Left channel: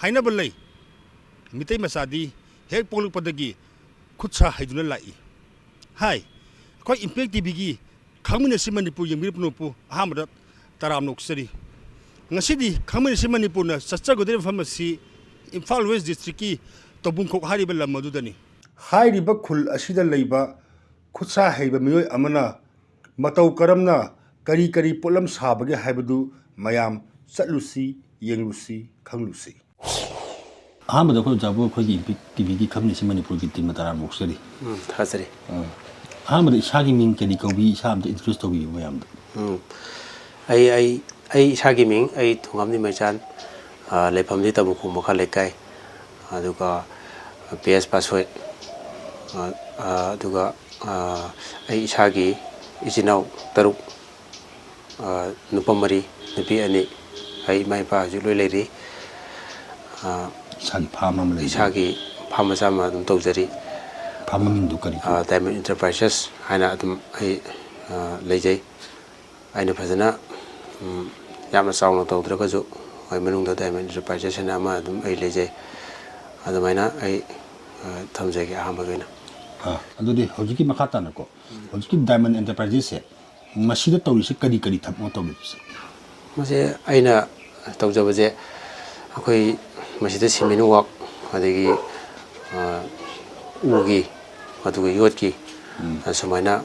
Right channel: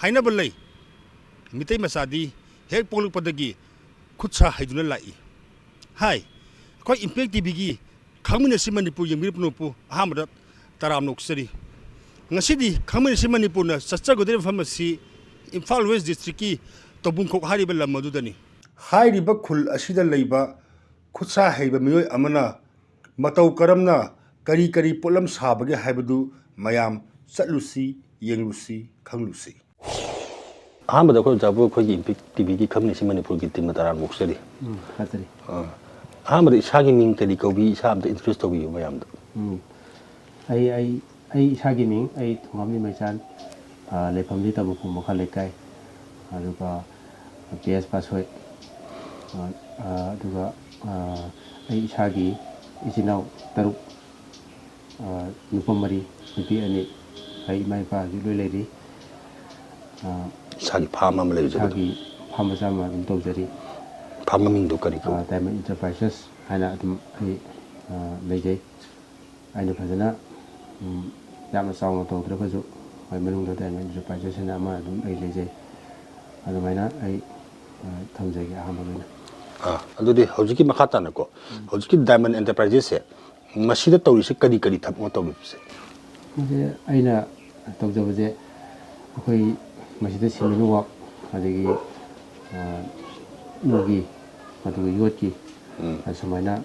하이나 벌레 미테이 마사디 핵 폴룩바다기 굿사 하이두나 라이 하이 거 임팩 TV기 강민의 머니푸르 영미르푸노푸 아함다 따라암녹서리 ngasi 강민의 머니푸르나 사짜고데 파마시 임팔 웨스트 디스트릭기 tobunkok hariba lam madudani hairiba khul asida leiba khutsa heiba miyoi amana matau karamna kari kari polam sabage haibadu mayam chatlusi yenglusi khanglusi ahambada ko jabu ko gi tv gi khamni simani pur gi timna tara moksari hasari ahambada ishagi ming kedi ko bi isam da introduce to bi mayam da ai ishagi ming ai thungamni maichan lepham tabu khu mokha lekai aduga PS password aduga ai ishagi isinau taruk nupamari nupi ani ai mai pa ju loi leiri ishagi phama ma lei ishagi phama sama dum tawjari phama ming du kari Diamond Enterprises haina dum ai leijai aina phajana yamna sauna tawdra ju ai manungda Diamond Enterprises na ma dum ai leijai adamaina ai thamjagi ahambagina adudi hojiki makata na ko hojiki Diamond Enterprises se masida tawri se kadi kadi thapmo tawbi se mase aina tawjabaje akoi masida siminu wak adegi ugi aduga yotki samaina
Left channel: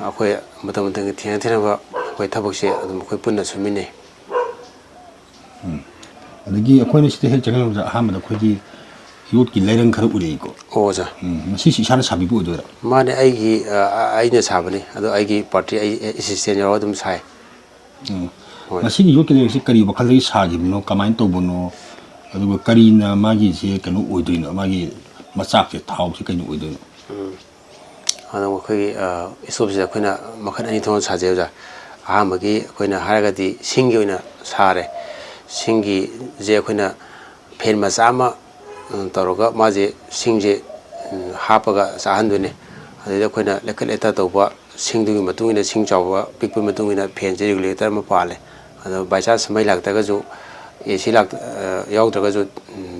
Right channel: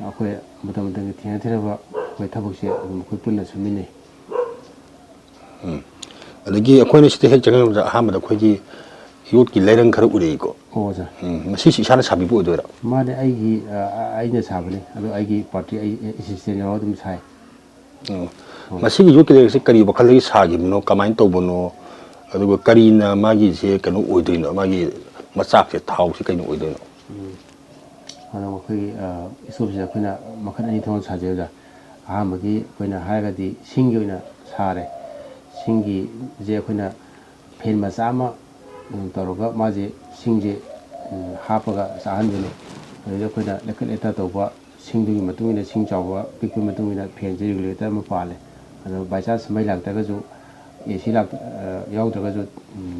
akoi matam matam thiang thiang akoi thabak se adum akoi punna sumine adegi akoi ne site hel jangan ahambada khogi yotki leirang khara ure ko oja masi si sana sabi bu dora mane aigi aina sabani ado aigi party ai assistant yaro dum sai masi gi yotki leirang se kari bakal gi sagi no kamain to bono aduga kari na magi se kanu oidino magi machak se thau se kaino oidino ado khoi isop se khoina makhan ani thon sajeuja ahamagi khoina haragadi singi oina sare singi je khoina phen masama tauroga maje singje hapaga sahandune adeda khoina lekal eta toba singdugi matungina sing chawba pikpa matungina phenje regulator ma pale ado baisa samai lagta ga ju AC lak yaudra ga ju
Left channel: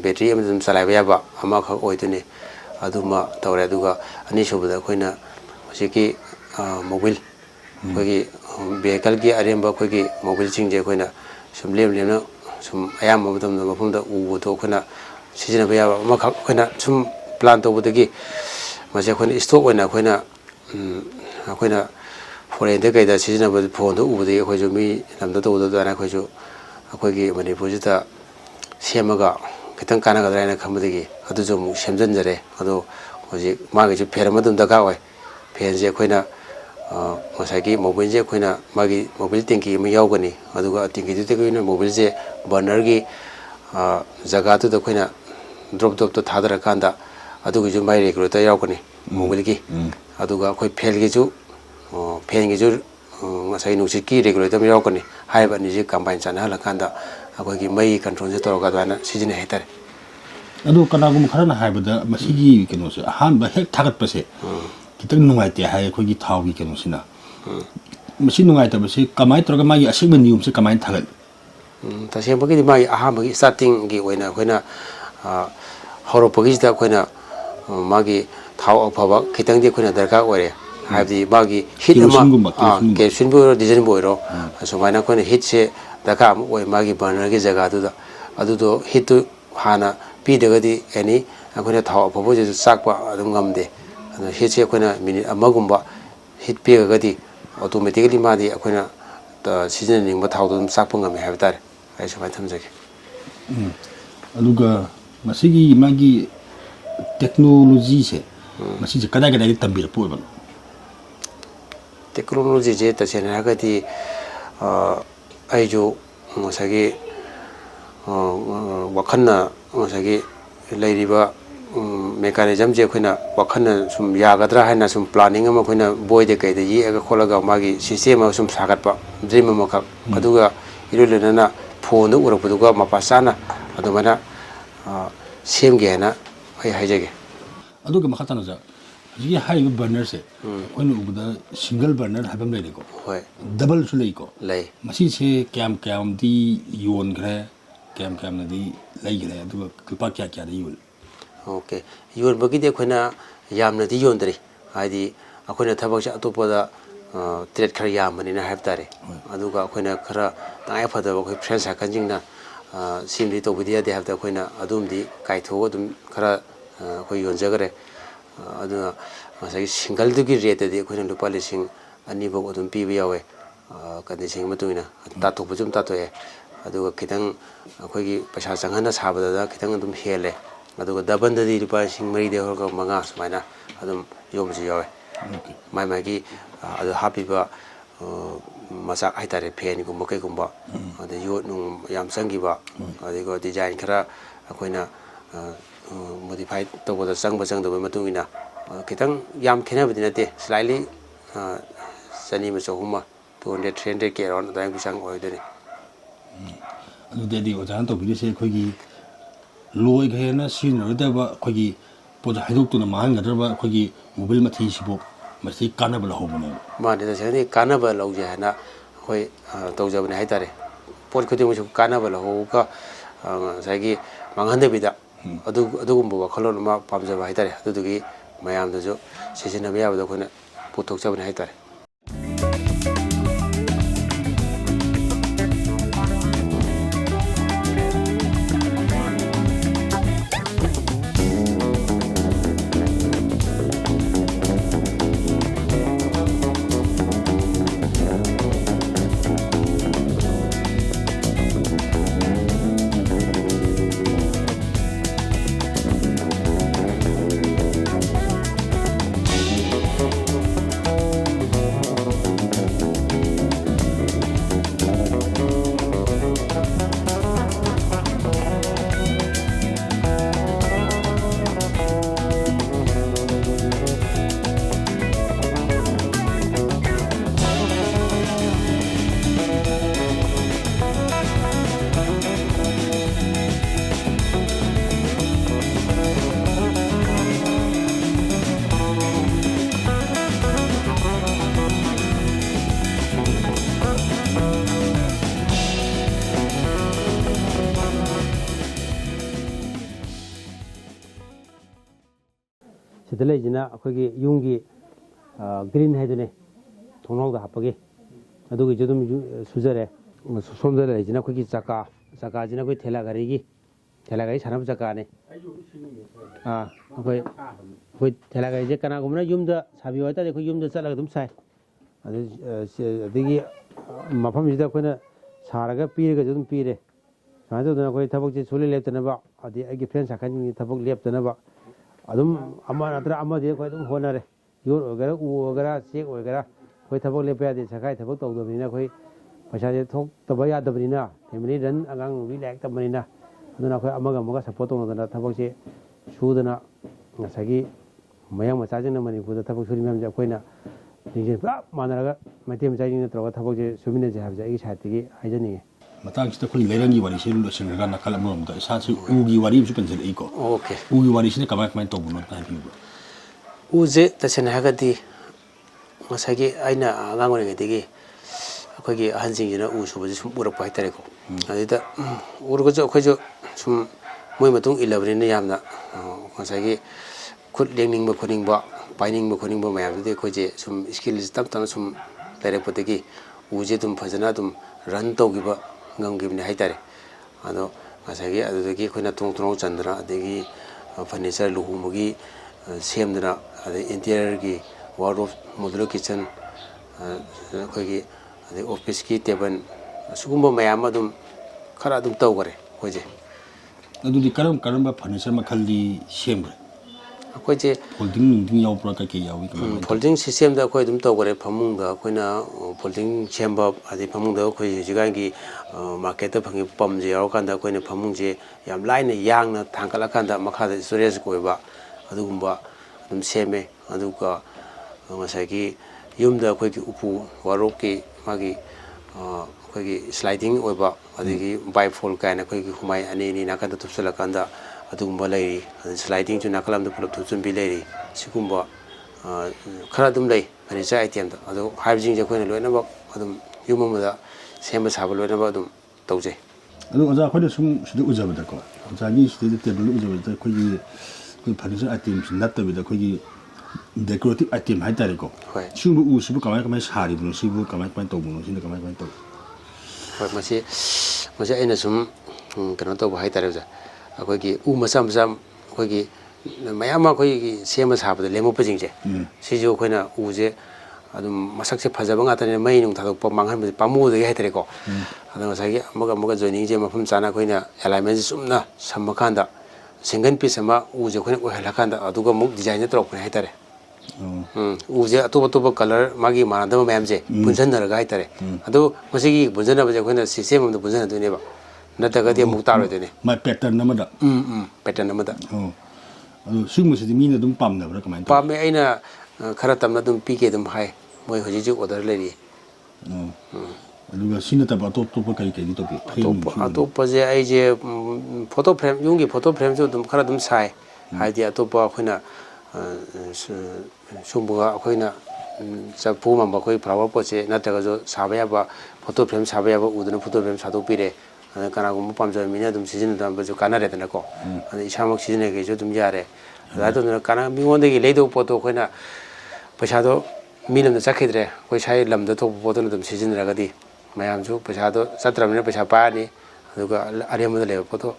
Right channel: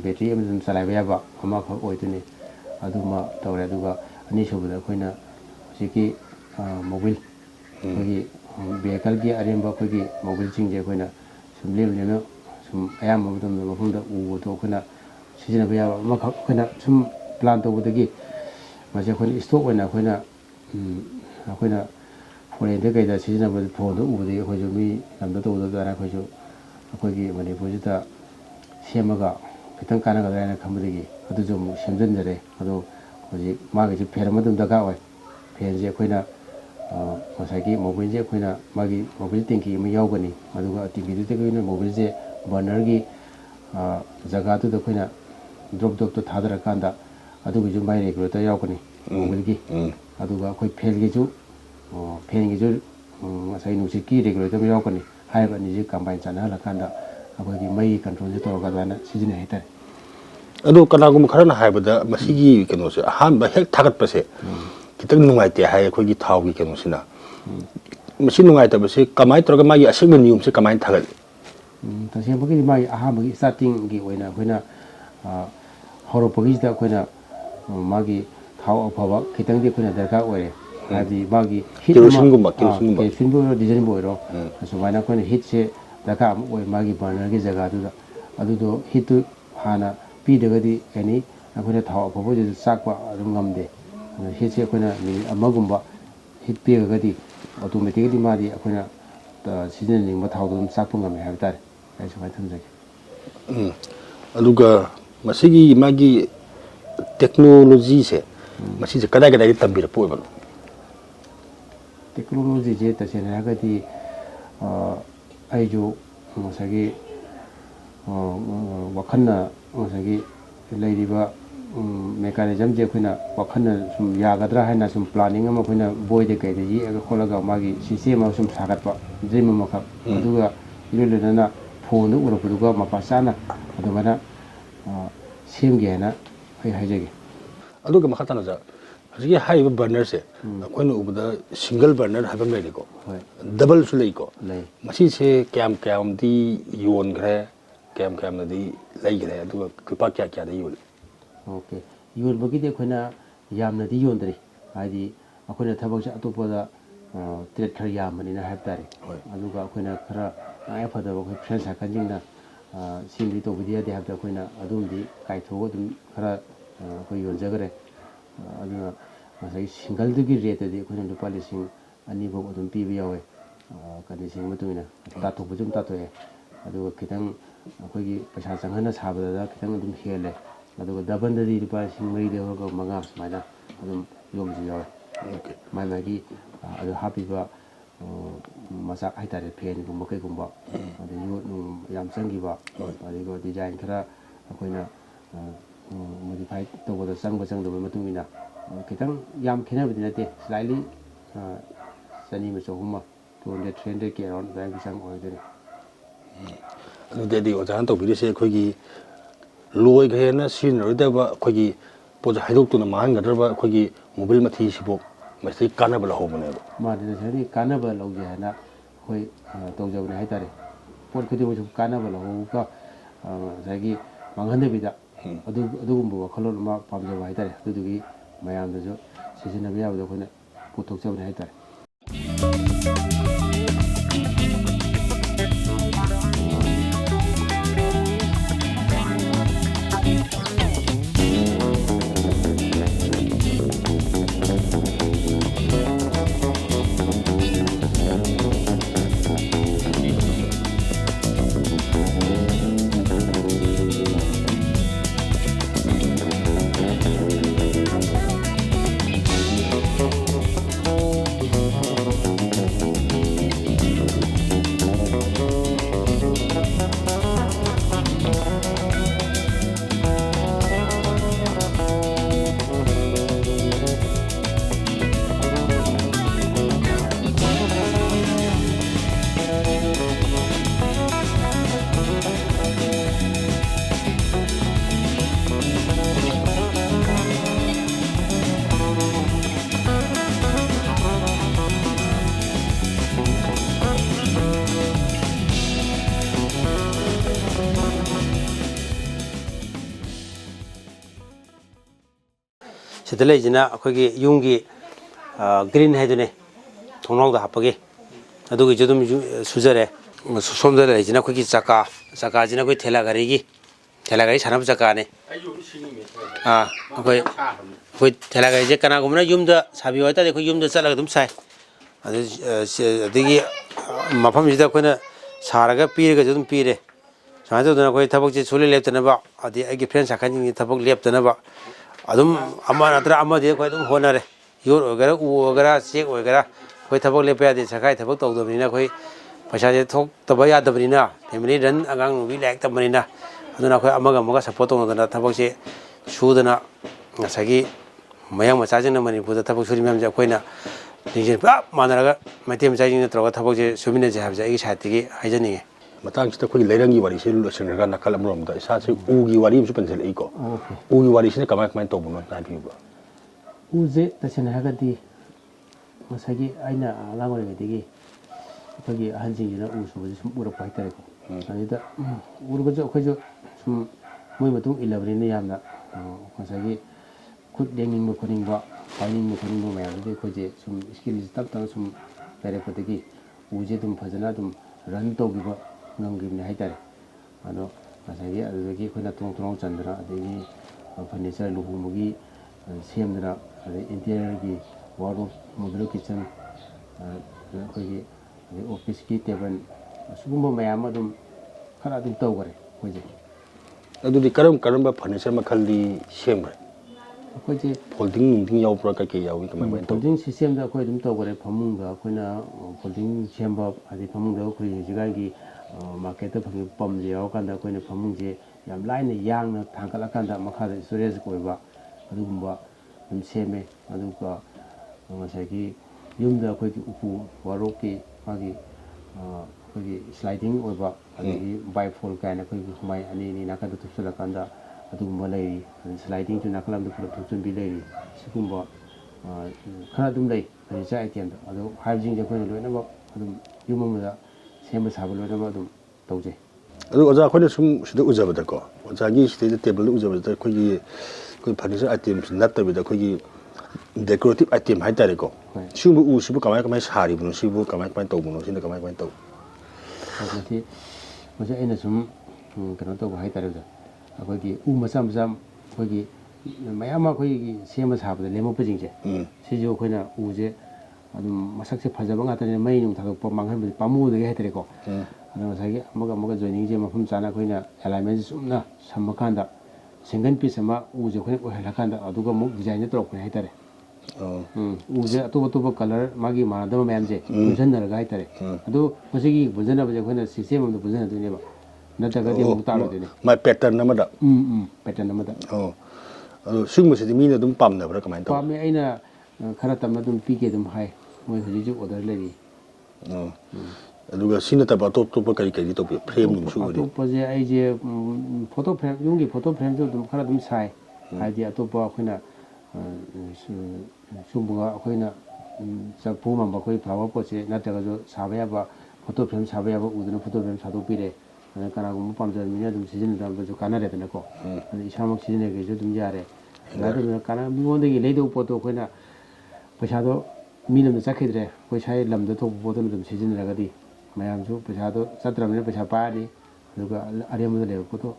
battery am salaiba yaba ama khak oidune aduma tawre aduga ani subada khoina hosiki mobile khogi vehicle gi aremba khogi mobile singje khoina sum lem lemna sum ayam mabudam mafumda u to khoina 시즌에 비야 뭐 그냥 좀 플랜도 보더기 맞아 그냥 스톡 오나 그냥 그냥 포레인데 가이다 시즌에 보 폰도 우부데 거기 좀이 남도도 오도도 하나 거기 거기 뭐니 보지다 시험가 그땐 가나가 되나 감부되기 아도 좀 심전절에 아도 거기 마게 좀 배려만 다가 와 배제 그냥 뭐사기 모바일제 그냥 마기 모바일 땡기 뭐 야오거니 아도가 땡기도 되고 있는 모바일제 버너기 자가도 그냥 드롭도 타더라 간다 아두고 좀 많이 그러다 야고니 모빌기 아두가 거의 펠기주 펜기주 사이 누식기 레귤레이터 야고니 하이바니 지 컴바인 차나라 간다 아거기 메이 컨트롤 저러가도 하나 시즌에 했다래 adu kanagum kharana haibada masigi keno se ahamba hek thagat pase kitang nungai te hai khogi thawgi keno sina masi nungai ta base kamai torga magi asing nium se kamai thagal ta sembagi mai ahambagi starting gi oina khoina horopogisda khoina magi thaw phaba kitangdi khoina darka ore habdi magi hit ma ke sunbo design boiro so maina khoina hit se daka oi magi banner gi jaga adudo hit hana pidagadi any khoina thaw phabo je sakpa adum ngamde hit se khoina minute amagumba hit pigadi automatically madi khoina seasoning ba thawdo dum sakpa ngame habtar ai so mai thamjage aduga masigi magi technology se masi je kada kada tambira po technology je ta sena gadi ai jo masagi wakhanna masagi leiriba mechanism je khoina wakhanna sum yagadra haina sum planning ama khoina boy de kai de yi aga kholaga magi system sum sagatpa dream ma kha aduga irulena phone urakpuduga mapasana adumana semgena ai haijage aduga makhatana ja hiji haiba burner se koin ubda single burner habam lei ko hoi double su lei ko lei masi se cam di yon ghre cam di ꯂꯩꯈ꯭ꯔꯦ ꯑꯗꯨꯒ ꯂꯨꯄꯥ ꯀꯌꯥꯗ ꯌꯣꯜꯂꯤ okay ꯌꯣꯟꯕꯒꯤꯗꯤ ꯑꯩꯈꯣꯏꯅ ꯌꯥꯝꯅꯗꯤ ꯌꯣꯟꯗ꯭ꯔꯤ ꯍꯥꯏꯗꯤ ꯑꯩꯈꯣꯏꯅ ꯊꯕꯛꯁꯦ ꯑꯇꯣꯞꯄꯗ ꯇ꯭ꯔꯦꯠ ꯈꯔ ꯌꯥꯝꯕꯅꯤꯅ ꯍꯥꯏꯕ ꯇꯥꯔꯦ ꯑꯗꯨꯒ ꯑꯩꯈꯣꯏꯅ ꯈꯔ ꯇꯉꯥꯏ ꯐꯗꯕ ꯑꯩꯈꯣꯏ ꯐ꯭ꯔꯦꯟ ꯁꯥꯔꯀꯜꯁꯤꯡꯅ ꯁꯤꯃꯗꯤ ꯇꯧꯕꯗꯤ ꯌꯥꯗꯦ ꯍꯥꯏꯕꯗ ꯑꯩꯈꯣꯏꯅ ꯑꯗꯨꯝꯗꯤ ꯀꯥꯏꯊꯣꯛꯑꯒ ꯑꯗꯨꯝ ꯈꯔ ꯑꯩꯈꯣꯏ ꯌꯣꯟꯖꯈꯔꯦ ꯑꯗꯨꯅ ꯉꯁꯥꯏꯒꯤ ꯁꯤꯡꯒꯜꯗꯨꯒꯤ ꯔꯦꯠꯇꯗꯤ ꯑꯩꯈꯣꯏꯅ ꯂꯨꯄꯥ 2,000 ꯑꯗꯨꯝ ꯄꯤꯕ ꯌꯥꯎꯋꯦ ꯀꯟꯗꯤꯁꯟꯒꯤ ꯃꯇꯨꯡ ꯏꯟꯅ ꯇꯥꯊꯣꯛꯄꯁꯨ ꯑꯗꯨꯝ ꯇꯥꯊꯣꯛꯑꯦ ꯑꯗꯨꯒ ꯈꯤꯇꯪ ꯑꯩꯈꯣꯏꯒꯤ ꯄꯩꯁꯥ ꯆꯪꯍꯟꯅ ꯁꯥꯕꯗ ꯈꯤꯇꯪ ꯑꯗꯨꯝ ꯍꯦꯜꯂꯦ ꯑꯗꯨꯒ ꯗꯕꯟꯗꯗꯤ ꯂꯨꯄꯥ 2,000 ꯍꯧꯔꯒ 5 ꯁꯨꯃꯥꯏꯅ ꯑꯗꯨꯝ ꯌꯣꯟꯕꯁꯨ ꯌꯥꯎꯋꯦ ꯃꯥꯏ ꯃꯥꯒꯤ ꯑꯗꯨ ꯍꯥꯞꯄꯤꯕ ꯃꯆꯥꯛ ꯍꯥꯏꯇꯥꯔꯦ ꯐꯦꯟꯒꯨꯝꯕ ꯀꯩꯒꯨꯝꯕ ꯑꯗꯩ ꯌꯣꯠ ꯅꯨꯡ ꯌꯥꯝ ꯆꯪꯈꯤꯕ ꯑꯗꯨꯒ ꯗꯤꯖꯥꯏꯟ ꯈꯔ ꯑꯩꯈꯣꯏꯅ ꯃꯣꯗꯤꯐꯥꯏ ꯇꯧꯕꯗ ꯆꯪꯕ ꯆꯪꯗꯕꯒꯤ ꯃꯇꯨꯡ ꯏꯟꯅ ꯈꯤꯇꯪ ꯌꯥꯝ ꯈꯦꯠꯅꯕꯗꯤ ꯅꯠꯇꯦ ꯁ꯭ꯂꯥꯏꯠꯂꯤ 200-300 200-300K ꯑꯦꯔꯥꯎꯟ ꯑꯗꯨꯃꯥꯏꯅ ꯆꯥꯡ ꯑꯣꯏꯗꯣꯏꯅꯤ ꯑꯗꯨꯗꯤ ꯑꯣꯖꯥꯅ ꯇꯧꯕꯤꯔꯤꯁꯦ ꯑꯩꯈꯣꯏꯒꯤ ꯂꯣꯏꯈ꯭ꯔꯦꯅ ꯁꯤꯖꯤꯟꯅꯔꯣꯏꯗꯕ ꯑꯩꯈꯣꯏꯒꯤ ꯄꯣꯠ ꯍꯩꯗꯣꯛꯇꯨꯅ ꯃꯥꯡꯍꯟꯒꯗ꯭ꯔꯕ ꯑꯩꯈꯣꯏꯒꯤ ꯃꯣꯕꯤꯜ ꯃꯊꯤꯁꯤꯕꯨ ꯃꯁꯤ ꯀꯥꯟꯅꯕ ꯂꯧꯍꯧꯕꯅꯦꯕ ꯃꯥꯅꯦ ꯇꯁꯦꯡꯅꯗꯤ ꯀꯥꯟꯅꯕ ꯂꯧꯖꯦ ꯍꯥꯏꯅ ꯑꯩꯈꯣꯏ ꯇꯧꯖꯕꯅꯦ ꯍꯥꯏꯇꯥꯔꯦ ꯄꯣꯠ ꯈꯨꯗꯤꯡꯃꯛꯁꯨ ꯀꯥꯟꯅꯕ ꯂꯧꯍꯧꯒ ꯉꯁꯥꯏꯒꯤ ꯃꯥꯡꯍꯟꯗꯕꯤꯗ ꯑꯗꯨꯒꯨꯝꯕ ꯋꯥꯈꯜꯂꯣꯟ ꯑꯃ ꯄꯥꯝꯖꯕ ꯍꯥꯏꯇꯥꯔꯦ ꯑꯗꯨꯗꯨꯒꯤ ꯃꯌꯥꯝꯗꯁꯨ ꯁꯤꯖꯤꯟꯅꯕ ꯌꯥꯕꯗ ꯑꯩꯈꯣꯏꯅ ꯄꯨꯊꯣꯛꯆꯕꯅꯦ ꯍꯥꯏꯇꯥꯔꯦ ꯁꯤꯗ ꯂꯩꯁꯤꯅ ꯑꯩꯈꯣꯏꯒꯤ ꯌꯨꯝꯒꯤ ꯒ꯭ꯔꯤꯟ ꯍꯥꯏꯗꯨꯅꯦ ꯊꯣꯡꯅꯥꯎꯗ ꯍꯥꯞꯄꯒꯤ ꯑꯗꯨꯒꯤꯁꯨ ꯑꯗꯨꯝ ꯁꯨꯖꯔꯦ ꯁꯣꯝꯗ ꯂꯩꯔꯤꯁꯤꯅ ꯑꯩꯈꯣꯏꯒꯤ ꯆꯀꯥꯁꯤꯅ ꯑꯩꯈꯣꯏ ꯊꯦꯂꯥ ꯒꯥꯔꯤ ꯁꯥꯟꯅꯕ ꯆꯀꯥꯅꯦ ꯑꯩꯈꯣꯏ ꯊꯦꯂꯥ ꯒꯥꯔꯤꯁꯦ ꯀꯅꯥꯒꯨꯝꯕꯅ ꯌꯨꯝꯗ ꯁꯥꯕꯤꯌꯨ ꯍꯥꯏꯇꯥꯔꯗꯤ ꯑꯩꯈꯣꯏ ꯌꯨꯝꯗ ꯆꯠꯂꯒ ꯑꯗꯨꯝ ꯁꯥꯏ ꯑꯗꯒꯤ ꯃꯐꯝꯁꯤꯗ ꯑꯩꯈꯣꯏꯅ ꯁꯥꯔꯒ ꯄꯤꯔꯒꯁꯨ ꯑꯗꯨꯝ ꯄꯤꯔꯦ ꯁꯨꯃꯥꯏꯅ ꯇꯧꯗꯅ ꯑꯩꯈꯣꯏ ꯊꯕꯛꯁꯦ ꯁꯨꯡꯂꯦꯞ ꯂꯦꯞꯇꯅꯕ ꯑꯗꯩ ꯑꯩꯒꯤ ꯐ꯭ꯔꯦꯟ ꯁꯥꯔꯀꯜꯁꯤꯡꯒꯤ ꯊꯕꯛ ꯂꯦꯞꯇꯅꯕ ꯑꯗꯨꯝ ꯑꯃ ꯅꯠꯇ꯭ꯔ ꯑꯃꯗꯤ ꯑꯩꯈꯣꯏ ꯑꯗꯨꯝ ꯍꯣꯠꯅꯔꯦ ꯌꯣꯠ ꯑꯣꯏꯒꯦꯔꯥ ꯎ ꯑꯣꯏꯒꯦꯔꯥ ꯆꯦꯛ ꯑꯣꯏꯒꯦꯔꯥ ꯑꯩꯈꯣꯏ ꯊꯕꯛ ꯂꯦꯞꯄ ꯌꯥꯗꯦ ꯁꯔꯀꯥꯔꯒꯤ ꯊꯕꯛ ꯇꯧꯗꯕꯅꯤꯅ ꯑꯩꯈꯣই ꯄꯩꯁꯥꯁꯦ ꯊꯣꯛꯇꯕ ꯌꯥꯗꯕꯅꯤꯅ ꯐꯦꯃꯤꯂꯤ ꯔꯟ ꯑꯉꯥꯡ ꯅꯨꯕꯤ ꯂꯥꯏꯔꯤꯛ ꯇꯝꯕꯅꯤꯅ ꯑꯗꯨꯅ ꯑꯩꯈꯣꯏ ꯑꯃꯒ ꯁꯞꯄꯣꯔꯠ ꯇꯧꯅꯗꯅ ꯊꯕꯛꯁꯦ ꯁꯨꯗꯅ ꯉꯁꯥꯏꯒꯤ ꯃꯌꯥꯡ ꯃꯆꯥꯁꯤꯡꯅ ꯃꯅꯤꯄꯨꯔꯗ ꯊꯕꯛ ꯁꯨꯔꯤ ꯃꯌꯥꯝꯁꯦ ꯑꯩꯈꯣꯏꯅ ꯂꯤꯡꯖꯦꯜ ꯄꯨꯂꯞ ꯃꯥꯟꯅꯔꯒ ꯃꯩꯇꯩ ꯃꯆꯥꯁꯤꯡꯅ ꯇꯧꯔꯒ ꯊꯕꯛꯁꯦ ꯁꯨꯃꯤꯟꯅꯁꯦ ꯍꯥꯏꯕꯁꯦ ꯑꯩꯒꯤ ꯁꯥꯏꯠꯇꯒꯤ ꯍꯥꯏꯖꯅꯤꯡꯉꯤ ꯃꯇꯥꯡꯁꯤꯗ ꯑꯩꯈꯣꯏꯒꯤ ꯂꯩꯔꯪꯒꯤ ꯋꯥꯔꯤꯁꯤ ꯂꯣꯏꯁꯤꯟꯈ꯭ꯔꯒ ꯅꯥꯀꯜ ꯑꯃꯔꯣꯝꯗ ꯏꯁꯥꯁꯤ ꯎꯒꯤ ꯋꯥꯔꯤ ꯑꯃꯁꯨ ꯄꯟꯁꯤꯜꯂꯛꯏꯀꯣ ꯑꯣꯀꯦ ꯎꯒꯤ ꯋꯥꯔꯤꯁꯤꯅ ꯀꯃꯥꯏꯅ ꯇꯧꯕꯅꯣ ꯑꯝꯇ ꯍꯥꯏꯕꯤꯌꯨꯕ ꯎꯁꯦ ꯇꯁꯦꯡꯅ ꯍꯥꯏꯔꯒꯗꯤ ꯉꯁꯥꯏꯒꯤ ꯑꯩꯅ ꯑꯉꯥꯡ ꯑꯣꯏꯔꯤꯉꯩꯗꯒꯤ ꯑꯩꯈꯣꯏꯒꯤ ꯑꯍꯟꯁꯤꯡꯁꯤꯅ ꯎ ꯁꯨꯕꯁꯦ ꯁꯨꯝ ꯎꯔꯛꯄ ꯍꯥꯏꯇꯥꯔꯦꯀꯣ ꯑꯗꯨꯗ ꯎꯔꯒꯁꯨ ꯑꯩꯈꯣꯏꯁꯨ ꯁꯨꯝ ꯃꯣꯏ ꯃꯇꯨꯡ ꯏꯜꯂꯕꯅꯤꯅ ꯌꯥꯝꯅ ꯉꯁꯥꯏꯒꯤ ꯈꯨꯠ ꯂꯦꯡꯅꯤꯡꯕ ꯈꯣꯠꯅꯤꯡꯕ ꯄꯥꯏꯅꯤꯡꯕ ꯃꯌꯥꯝꯗꯨꯗꯤ ꯑꯩꯈꯣꯏꯁꯦ ꯁꯨꯝ ꯏꯁꯀꯤꯜꯁꯦ ꯇꯞꯅ ꯁꯨꯝ ꯂꯩꯔꯛꯄꯗꯒꯤ ꯎꯁꯦ ꯑꯗꯨꯝ ꯐꯖꯅ ꯑꯗꯨꯝ ꯔꯟ ꯇꯧꯈꯤꯕ ꯉꯝꯈꯤꯕꯅꯦ ꯍꯥꯏꯇꯥꯔꯦ ꯑꯗꯣ ꯉꯁꯥꯏꯒꯤ ꯑꯗꯨꯗꯒꯤ ꯑꯩꯈꯣꯏꯅ ꯊꯣꯡꯅꯥꯎ ꯆꯟꯗꯅ ꯑꯗꯒꯤ ꯐꯔꯅꯤꯆꯔ ꯂꯨꯍꯣꯡꯕꯒꯤ ꯁꯦꯝꯗꯅ ꯑꯗꯩ ꯏꯟꯇꯤꯔꯤꯌꯔꯒꯤ ꯋꯥꯔꯗ꯭ꯔꯣꯞ ꯃꯣꯗꯨꯂꯔ ꯀꯤꯠꯆꯟ ꯑꯩꯈꯣꯏꯒꯤ ꯑꯗꯩ ꯑꯣꯐꯤꯁꯀꯤ ꯇꯦꯕꯜ ꯑꯁꯤꯒꯨꯝꯕ ꯃꯌꯥꯝ ꯑꯃ ꯑꯗꯨꯝ ꯈꯔ ꯑꯗꯨꯝ ꯇꯧꯈꯔꯦ ꯑꯩꯈꯣꯏꯁꯦ ꯑꯗꯨꯗꯤ ꯀꯔꯝꯕ ꯐꯔꯅꯤꯆꯔ ꯃꯈꯜꯗꯤ ꯁꯦꯝꯈ꯭ꯔꯦ ꯑꯩꯈꯣꯏꯁꯦ ꯐꯣꯜꯗꯤꯡ ꯅꯨꯡꯗꯤꯡ ꯌꯥꯎꯕ꯭ꯔꯥ ꯀꯩꯀꯩ ꯌꯥꯎꯏ ꯀꯃꯥꯏꯅ ꯇꯧꯏ ꯐꯣꯜꯗꯤꯡ ꯁꯤꯁꯇꯦꯝꯗ ꯑꯩꯈꯣꯏ ꯑꯗꯨꯝ ꯇꯧꯈꯔꯦ ꯐꯃꯨꯡꯗ ꯑꯩꯈꯣꯏꯅ ꯐꯣꯜꯗꯤꯡ ꯁꯦꯝꯕ ꯑꯗꯩ ꯐꯃꯨꯡꯗ ꯑꯩꯈꯣꯏ ꯍꯧꯖꯤꯛꯀꯥꯟꯒꯤ ꯃꯥꯔꯀꯦꯠꯇ ꯐꯪꯉꯤꯕ ꯄꯝꯁꯦ ꯌꯥꯎꯔꯀꯥꯟꯗ ꯑꯩꯈꯣꯏꯅ ꯐꯃꯨꯡꯁꯦ ꯌꯥꯝ ꯂꯥꯏꯅ ꯌꯥꯡꯅ ꯊꯥꯡꯒꯠꯂꯀꯥꯟꯗ ꯃꯈꯥꯗ ꯏꯁꯇꯣꯔꯦꯖ ꯑꯣꯏꯕ ꯑꯗꯨꯒꯨꯝꯕ ꯑꯗꯨꯝ ꯁꯦꯝꯃꯦ ꯑꯗꯨꯒ ꯉꯁꯥꯏꯒꯤ ꯌꯨꯝꯗ ꯑꯩꯈꯣꯏꯒꯤ ꯎꯄꯨ ꯋꯥꯔꯣꯛꯀꯤ ꯃꯥꯒꯤ ꯑꯩꯈꯣꯏꯒꯤ ꯁ꯭ꯂꯥꯏꯗꯤꯡ ꯑꯣꯏꯕ ꯑꯗꯒꯤ ꯕꯥꯏꯐꯣꯜ ꯀꯥꯏꯅ ꯑꯩꯈꯣꯏꯒꯤ ꯍꯨꯃꯥꯏ ꯑꯅꯤ ꯅꯥꯀꯟꯗ ꯊꯨꯞꯆꯜꯂꯀꯥꯟda ꯑꯗꯨꯒꯨꯝꯕ ꯂꯩꯔꯤ ꯑꯗꯩ ꯁ꯭ꯂꯥꯏꯗꯤꯡꯁꯨ ꯅꯥꯀꯜ ꯑꯃꯗ ꯄꯨꯂꯞ ꯊꯨꯞꯆꯤꯟꯕꯤ ꯂꯩꯔꯤ ꯁꯤꯒꯨꯝꯕ ꯈꯔ ꯑꯗꯨꯝ ꯂꯩ ꯐꯔꯅꯤꯆꯔ ꯑꯥꯏꯇꯦꯝꯗ ꯑꯗꯣ ꯍꯥꯏꯕꯁꯤꯡꯁꯦ ꯑꯩꯈꯣꯏꯅ ꯂꯣꯏꯅꯃꯛ ꯑꯗꯨꯝ ꯌꯨꯝ ꯑꯃꯗ ꯁꯦꯝꯕ ꯁꯥꯕ ꯂꯣꯏꯅꯃꯛ ꯑꯗꯨꯝ ꯇꯧꯖꯩ ꯑꯗꯣ ꯑꯣꯖꯥ ꯑꯩꯈꯣꯏꯅ ꯁꯨꯝ ꯁꯤꯗ ꯎꯖꯕꯗꯀꯣ ꯑꯣꯖꯥꯒꯤ ꯁꯤꯗꯩꯗ ꯇꯦꯕꯜꯗ ꯎꯖꯕꯗ ꯑꯩꯈꯣꯏꯒꯤ ꯐꯔꯅꯤꯆꯔ ꯑꯥꯏꯇꯦꯝꯁꯤ ꯅꯠꯇꯕꯤꯗ ꯑꯩꯈꯣꯏꯒꯤ ꯗꯦꯀꯣꯔꯦꯇꯤꯞ ꯑꯥꯏꯇꯦꯝ ꯍꯥꯏꯇꯥꯔꯦꯀꯣ ꯍꯣꯏ ꯁꯤꯒꯨꯝꯕ ꯎꯁꯤꯕꯨ ꯀꯃꯥꯏ ꯁꯥꯔꯤꯕꯅꯣ ꯁꯤꯕꯨ ꯀꯃꯥꯏ ꯇꯧꯕꯅꯣ ꯁꯤꯅ ꯀꯃꯥꯏ ꯇꯧꯕ ꯍꯣꯏ ꯃꯁꯤ ꯑꯩꯅ ꯁꯨꯝ ꯀꯩꯅꯣ ꯇꯧꯕ ꯍꯥꯏꯇꯥꯔꯦ ꯑꯣꯖꯥ ꯑꯩꯈꯣꯏꯒꯤ ꯎ ꯃꯆꯥ ꯑꯩꯈꯣꯏꯒꯤ ꯃꯌꯥꯝ ꯑꯃ ꯑꯩꯈꯣꯏꯒꯤ ꯁꯦꯝꯕ ꯁꯥꯕꯗ ꯂꯦꯝꯃꯛꯄꯁꯤꯡꯁꯦ ꯁꯤꯁꯨ ꯑꯩꯈꯣꯏꯅ ꯎꯁꯦ ꯑꯗꯨꯝ ꯃꯁꯛꯁꯦ ꯐꯖꯕ ꯉꯥꯛꯇꯅꯤꯅ ꯃꯩ ꯅꯨꯡ ꯊꯥꯗꯣꯛꯄ ꯃꯥꯡꯍꯟꯕꯁꯦ ꯄꯥꯝꯃꯨꯕꯗꯒꯤ ꯍꯥꯏꯇꯥꯔꯦꯀꯣ ꯑꯗꯣ ꯉꯁꯥꯏꯒꯤ ꯑꯃꯒ ꯖꯣꯏꯅꯤꯡꯁꯦ ꯃꯐꯝ ꯆꯥꯅ ꯑꯩꯈꯣꯏꯅ ꯑꯦꯂꯥꯏꯟꯃꯦꯟꯁꯦ ꯆꯨꯝꯅ ꯁꯝꯃꯀꯥꯟꯗ ꯁꯤꯡꯒꯜ ꯄꯤꯁ ꯑꯃ ꯎꯁꯦ ꯑꯩꯈꯣꯏꯅ ꯑꯣꯏꯍꯜꯂꯀꯥꯟꯗ ꯑꯗꯨꯒ ꯑꯃꯨꯛ ꯗꯤꯖꯥꯏꯟꯁꯦ ꯇꯧꯔꯛꯄꯅꯦ ꯍꯥꯏꯇꯥꯔꯦ ꯎꯁꯦ ꯑꯇꯣꯞꯄ ꯀꯂꯔ ꯃꯥꯒꯤ ꯃꯥꯟꯅꯗꯕ ꯃꯌꯥꯝꯁꯦ ꯄꯨꯟꯁꯤꯟꯅꯔꯒ ꯍꯥꯏꯇꯥꯔꯦ ꯑꯗꯣ ꯃꯁꯤꯒꯤ ꯄꯨꯟꯁꯤꯟꯅꯕꯁꯦ ꯑꯩꯈꯣꯏꯅ ꯁꯤꯁꯇꯦꯝ ꯑꯃꯗ ꯄꯨꯟꯁꯤꯟꯅꯗꯣꯏꯅꯦꯕ ꯅꯠꯇ꯭ꯔꯒꯗꯤ ꯑꯃꯨꯛ ꯇꯥꯔꯣꯏꯗꯣꯏꯅꯦ ꯃꯥꯏ ꯄꯦꯇꯔꯟ ꯑꯃꯗ ꯄꯦꯇꯔꯟ ꯑꯃꯗ ꯑꯗꯣ ꯁꯤꯒꯨꯝꯕꯁꯤꯗꯤ ꯃꯤꯅ ꯑꯗꯨꯝ ꯄꯥꯝꯅꯕ꯭ꯔꯥ ꯀꯃꯥꯏꯅ ꯇꯧꯋꯤ ꯄꯥꯝꯃꯦ ꯑꯩꯅ ꯈꯔ ꯇꯞꯅ ꯑꯗꯨꯝ ꯄꯤꯒꯦ ꯑꯗꯨꯝ ꯍꯥꯏ ꯃꯣꯏ ꯍꯧꯖꯤꯛ ꯑꯣꯔꯗꯔ ꯂꯩꯔꯤ ꯑꯗꯨꯒ ꯁꯤ ꯅꯠꯇꯕ ꯑꯇꯣꯞꯄ ꯀꯔꯤ ꯇꯧꯕꯤ ꯐ꯭ꯔꯦꯝ ꯑꯇꯣꯞꯄꯁꯦ ꯑꯩꯁꯦ ꯐꯣꯇꯣ ꯐ꯭ꯔꯦꯝ ꯌꯨꯝꯒꯤ ꯐꯣꯇꯣ ꯐ꯭ꯔꯦꯝꯁꯨ ꯑꯗꯨꯝ ꯈꯔ ꯑꯗꯨꯝ ꯁꯥꯏ ꯍꯥꯏꯗꯤ ꯑꯇꯣꯞꯄ ꯑꯩꯈꯣꯏꯅ ꯁꯨꯝꯕ ꯑꯩꯈꯣꯏꯅ ꯆꯐꯨ ꯃꯝꯕ ꯑꯩꯈꯣꯏ ꯐ꯭ꯂꯥꯋꯔ ꯄꯣꯠꯁꯦ ꯅꯠꯇ꯭ꯔꯒꯁꯨ ꯁꯥꯕ ꯌꯥꯕ ꯐꯣꯇꯣ ꯐ꯭ꯔꯦꯝ ꯁꯥꯕ ꯌꯥꯕ ꯎꯗꯨꯅ ꯐꯣꯇꯣ ꯐ꯭ꯔꯦꯝ ꯁꯥꯗꯣꯛꯄꯤꯔꯦ ꯑꯗ ꯀꯅꯥꯒꯨꯝꯕ ꯄꯥꯝꯖꯕ ꯃꯤꯅ ꯑꯗꯨꯝ ꯁꯤꯖꯤꯟꯅꯕꯁꯨ ꯀꯥꯟꯅꯔꯦꯗꯅꯀꯣ ꯑꯗ ꯏꯁꯥꯃꯛ ꯁꯤꯖꯤꯟꯅꯒꯦꯁꯨ ꯑꯗꯨꯝ ꯌꯥꯔꯦ ꯑꯗꯨꯃꯥꯏꯅ ꯇꯧꯗꯅ ꯃꯤꯉꯣꯟꯗꯒꯤ ꯂꯩꯗꯧꯕ ꯄꯣꯠꯇꯣ ꯑꯩꯈꯣꯏꯅ ꯄꯩꯁꯥꯗꯣ ꯃꯤ ꯂꯝꯗ ꯆꯠꯈꯤꯗ꯭ꯔꯦ ꯑꯩꯈꯣꯏ ꯁꯥꯏ ꯂꯝꯗ ꯊꯣꯛꯄ ꯄꯣꯠꯇꯨꯅ ꯑꯗꯨꯝ ꯁꯤꯖꯤꯟꯅꯔꯒꯗꯤ ꯃꯌꯥꯝꯁꯨ ꯄꯩꯁꯥꯗꯣ ꯆꯠꯇ꯭ꯔꯕꯅꯤ나 ꯄꯩꯁꯥ ꯄꯥꯔꯅꯤ ꯑꯗꯨꯒ ꯑꯔꯦꯝꯕꯗ ꯂꯩꯕ ꯄꯣꯠꯇꯣ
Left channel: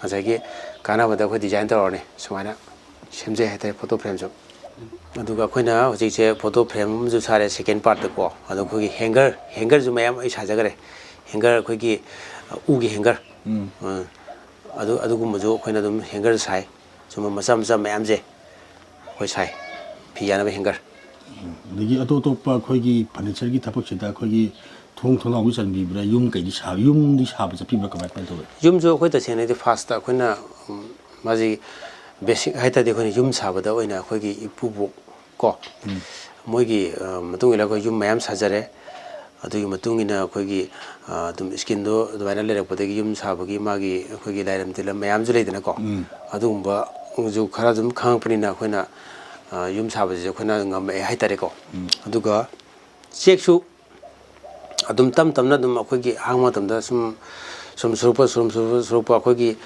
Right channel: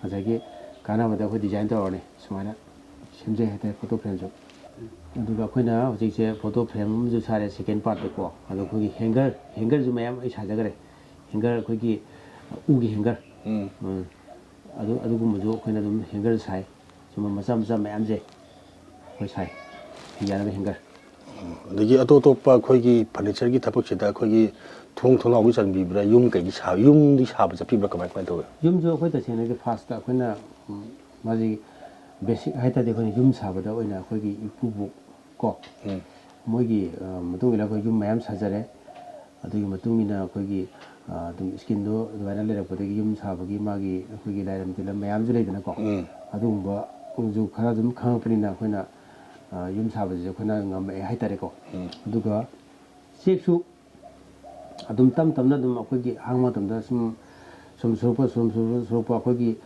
ꯉꯁꯥꯏꯒꯤ ꯀꯥꯟꯅꯕꯗ ꯑꯩꯈꯣꯏ ꯗꯤꯖꯥꯏꯟ ꯇꯧꯔꯅꯤ ꯁꯨꯃꯥꯏꯅ ꯁꯦꯝꯖꯩ ꯍꯥꯏꯇꯥꯔꯦ ꯐꯣꯇꯣ ꯐ꯭ꯔꯦꯝꯁꯨ ꯑꯗꯨꯒ ꯑꯩꯈꯣꯏꯅ ꯍꯧꯖꯤꯛꯁꯦ ꯐꯣꯇꯣ ꯐ꯭ꯔꯦꯝ ꯑꯃꯁꯨ ꯁꯥꯔꯦ ꯁꯦꯀꯦꯟ ꯄꯥꯔꯠꯇꯀꯣ ꯑꯗꯣ ꯑꯩꯈꯣꯏꯒꯤ ꯍꯦꯡꯒꯔꯁꯨ ꯃꯌꯥꯝ ꯑꯩ ꯁꯥꯖꯈꯔꯦ ꯍꯦꯡꯒꯔ ꯑꯩꯈꯣꯏꯒꯤ ꯎꯒꯤ ꯍꯦꯡꯒꯔ ꯑꯗꯨꯒꯨꯝꯕꯁꯨ ꯑꯩꯈꯣꯏꯅ ꯑꯗꯨꯝ ꯍꯦꯡꯒꯔ ꯁꯥꯏ ꯁꯨꯝꯕ ꯃꯆꯥ ꯃꯌꯥꯝꯁꯦ ꯑꯩꯈꯣꯏ ꯁꯥꯏ ꯐꯤ ꯌꯥꯅꯕ ꯍꯦꯡꯒꯔ ꯑꯗꯒꯤ ꯑꯇꯣꯞꯄ ꯑꯩꯈꯣꯏꯒꯤ ꯐꯔꯅꯤꯆꯔꯒꯤ ꯊꯕꯛꯁꯤꯗ ꯑꯩꯈꯣꯏꯒꯤ ꯊꯣꯡ ꯊꯣꯡꯅꯥꯎꯒꯤ ꯆꯟꯕꯤꯕ꯭ꯔꯥ ꯌꯨꯝꯗꯤ ꯁꯥꯕ ꯆꯠꯄꯤꯕ꯭ꯔꯥ ꯀꯃꯥꯏ ꯇꯧꯋꯤ ꯌꯨꯝꯁꯨ ꯑꯩꯈꯣꯏ ꯇꯁꯦꯡꯅꯗꯤ ꯐꯥꯔꯁꯇ ꯑꯩꯈꯣꯏꯅ ꯃꯥꯁꯤ ꯕꯦꯁꯤꯛ ꯍꯥꯏꯇꯥꯔꯗꯤ ꯑꯩꯈꯣꯏꯅ ꯌꯨꯝ ꯁꯥꯕꯗ ꯑꯣꯏꯅ ꯑꯩꯈꯣꯏꯒꯤ ꯏꯄꯨꯕꯣꯛ ꯀꯣ ꯃꯣꯏꯒꯤ ꯃꯇꯨꯡ ꯏꯟꯅ ꯑꯩꯈꯣꯏ ꯌꯨꯝ ꯃꯌꯥꯝ ꯁꯥꯖꯔꯦ ꯑꯗꯨꯒꯤ ꯃꯇꯨꯡ ꯏꯟꯅ ꯑꯩꯈꯣꯏꯒꯤ ꯑꯗꯨꯝ ꯏꯁꯀꯤꯟꯗꯣ ꯑꯗꯨꯃꯥꯏꯅ ꯂꯩꯔꯛꯄꯗꯒꯤ ꯌꯨꯝ ꯁꯥꯕꯒꯤ ꯃꯥꯒꯤ ꯑꯩꯈꯣꯏꯒꯤ ꯂꯥꯏꯔꯝ ꯇꯤꯂꯝ ꯃꯌꯥꯝꯁꯨ ꯂꯩꯗꯅꯀꯣ ꯑꯗꯨꯒꯨꯝꯕꯁꯨ ꯈꯔ ꯑꯗꯨꯝ ꯈꯪꯉꯛꯄꯅꯤꯅ ꯑꯩꯈꯣꯏꯅ ꯌꯨꯝ ꯁꯥꯕꯁꯤꯁꯨ ꯑꯩꯈꯣꯏꯅ ꯉꯝꯃꯛꯑꯦ ꯍꯥꯏꯇꯥꯔꯦꯀꯣ ꯑꯗꯨꯒ ꯆꯦꯛꯁꯨ ꯑꯗꯨꯝ ꯇꯞꯅ ꯑꯗꯨꯝ ꯑꯩꯈꯣꯏꯒꯤ ꯑꯍꯥꯡꯕ ꯃꯇꯝꯗ ꯁꯨꯝ ꯁꯨꯔꯛꯄ ꯑꯩꯈꯣꯏꯒꯤ